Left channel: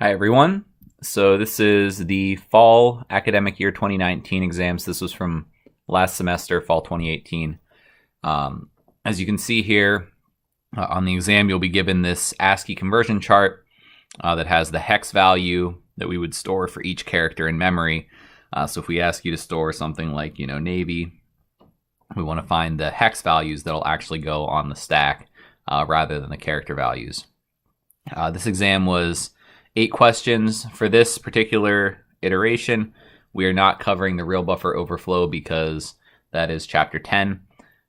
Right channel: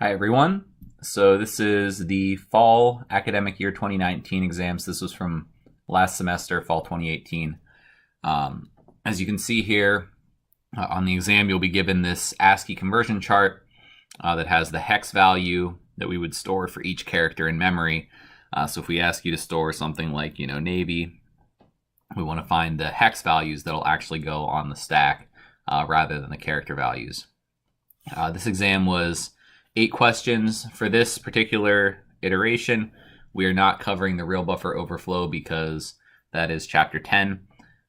Hi, everyone. So this is the fall academic year 2019 exams. This was from last semester, fall 2018. As you can see here on the exam, you'll be given this ASCII conversion chart that has the hex value that we would store for each character in memory. So if we ask you to store something like, Navy, we want to find the hex values that'll actually go on the stack rather than the character values. This exam was 8 questions. For this particular iteration, we are not covering the real buffer overflow because that is chapter 10.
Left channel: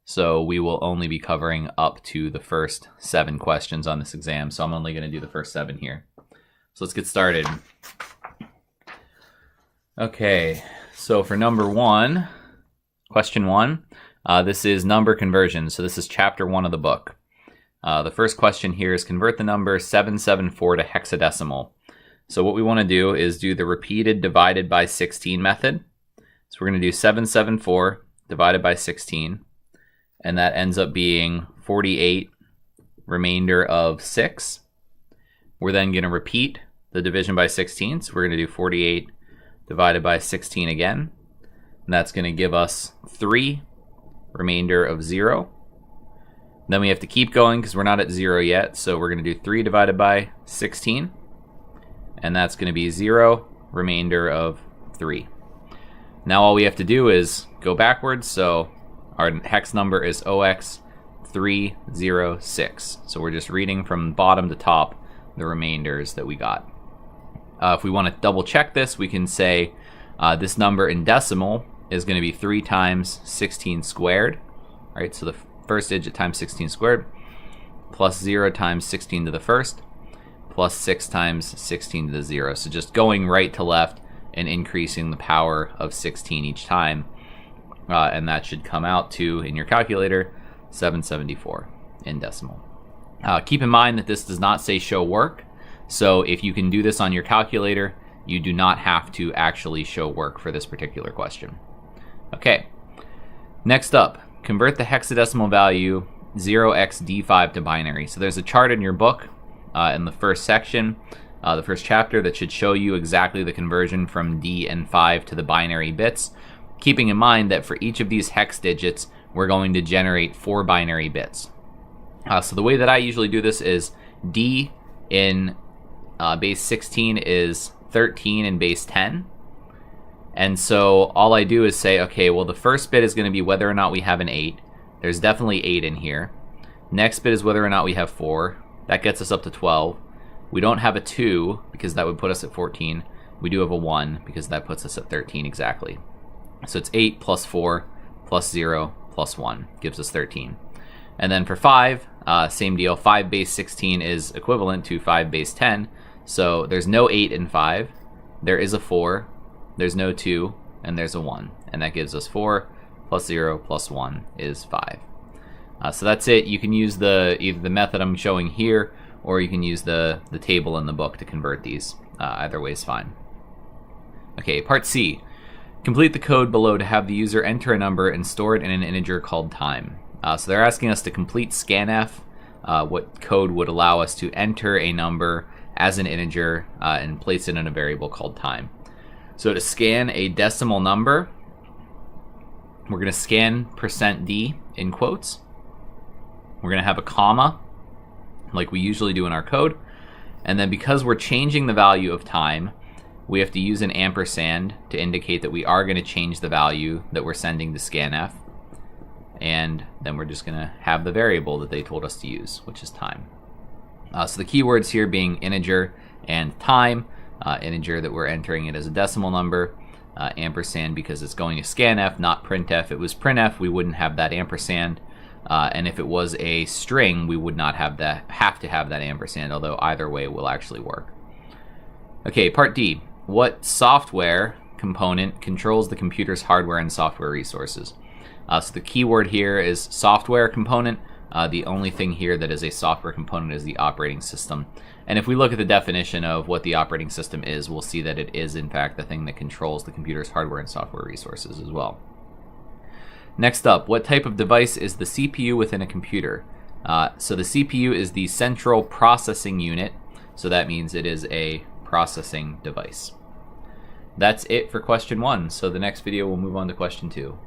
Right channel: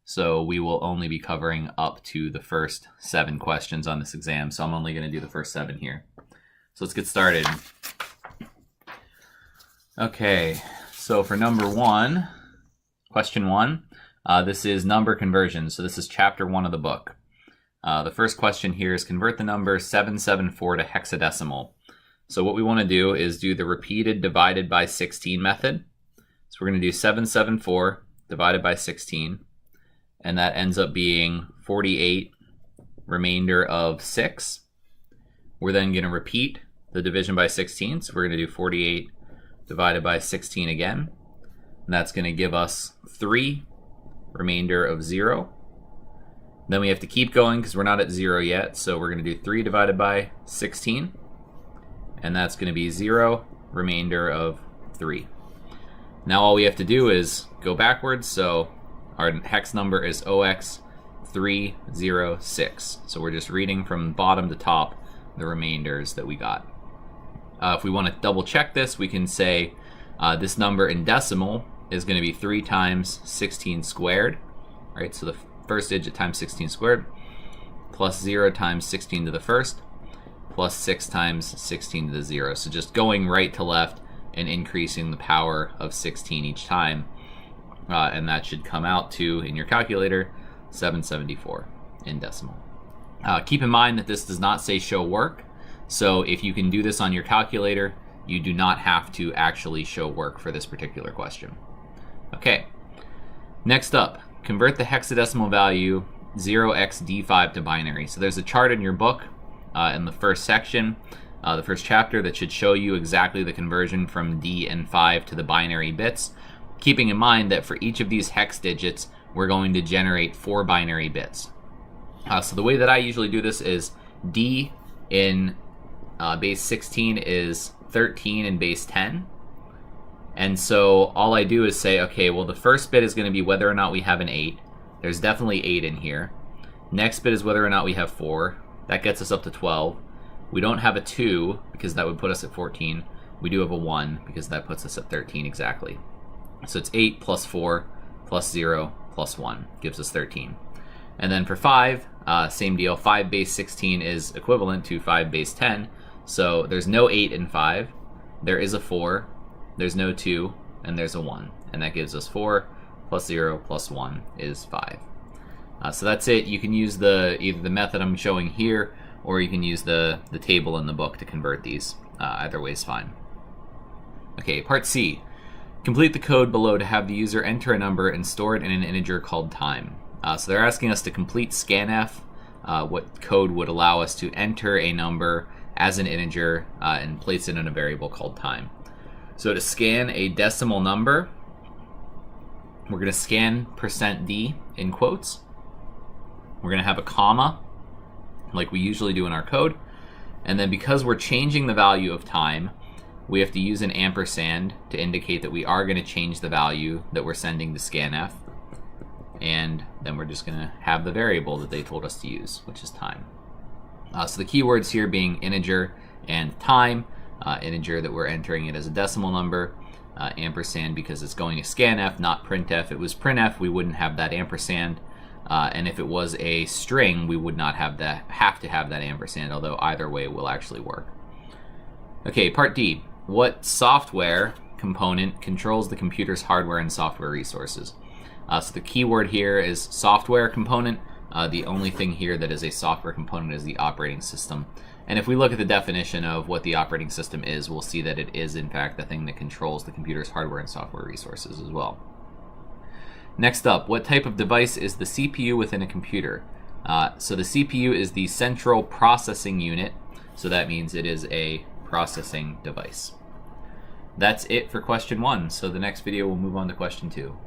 So we will only be covering up to the first 7 questions on this exam. So I'm only going to do the first 7 here. So let's get started. Okay, so for number 1, question 1, this is number conversion. So this is chapter 1 of the book. The first question here is convert the number 774 to hexadecimal. So what we want to do is do the repeated divided by 16 method. So we're going to do 774 divided by 16, and that ends up being 48 remainder of 6. We're then going to repeat the division by 16, so we're going to do 48 divided by 16 again, and that's going to give us 3 remainder of 0. Then we have to keep going because we're not at 0 yet, so we're going to do 3 divided by 16, and that's going to be 0 remainder of 3. Now all we have to do is go backwards, so our hex number is OX306. So we're just reading from bottom to top the remainders that we got. If we want to double check this, we can say this number in decimal is going to be 3 times 16 squared. All right, so the first digit times 16 squared, plus 0 times 16 to the first, plus 6 times 16 to the 0. So just going right to left and increasing the power of 16 each time. And that should come out to, in your calculator, 774 in decimal. Keep in mind that this does not say show work. So if you can do this on your calculator, you do not have to actually show work for this particular question. Okay, next up, convert the hexadecimal value 0xd5 to binary. So there's a chart in your book in the first section, the first chapter, that should show you exactly the conversion from D and 5 to the binary bits, keeping in mind that for each of these hex digits, we're going to generate 4 binary bits. So the way that I usually do this is D in base 16 is 13 in base 10. And so all I do is say, okay, well, the first bit is going to be whether or not we have an 8. There's definitely 8 in here. Next bit is whether or not we have 4. That gets us up to 12. We don't have a 2 because that would put us at 14. We do have a 1 because that puts us at 13 exactly. So it's 8 plus 4 plus 0 plus 1 gives us 13. And then for 5, same deal. 5 base 16 is equivalent to 5 base 10. So there's no 8 in 5. There is a 4. There's no 2, and there's a 1. And that gives us 4 plus 0 plus 1 is 5. So that's it. You can use either the method I'm showing here, or you can use the table in the book to convert these. Either way is fine. Okay, part C. Complete the code below to have the user enter a number and store it in an integer called time. So they're asking us to complete scanf, what code would allow us to enter a number as an integer and place it in a variable called time. So to scan a decimal number, we're going to scan %d in quotes. We're going to have a comma, like we usually do in our code. And then because we're changing the value of time, we have to use an ampersand to indicate that we are going to change the value that we're sending to scanf. And then we're just going to have the variable that they told us to use, which is time. So the keywords here being integer and time. Integer that we're entering it as a decimal number, ampersand because it's going to scanf, not printf. If it was printf, we wouldn't have that ampersand, and if it was a string, we would not have to have that ampersand, although either way will actually work. Okay, part D. What software component controls the computer's hardware and software resources? So the keyword here is software component. The only thing here that is a software component is the operating system. And if we look at the definition of what the operating system is, we'll see that it is, in fact, the thing that controls the computer's hardware and software resources as well. Next up, what type of device is the CPU within a computer? So the CPU is the central processing unit. So that means it is a processing device. That's it for question 1, so the next video we'll move on to question 2.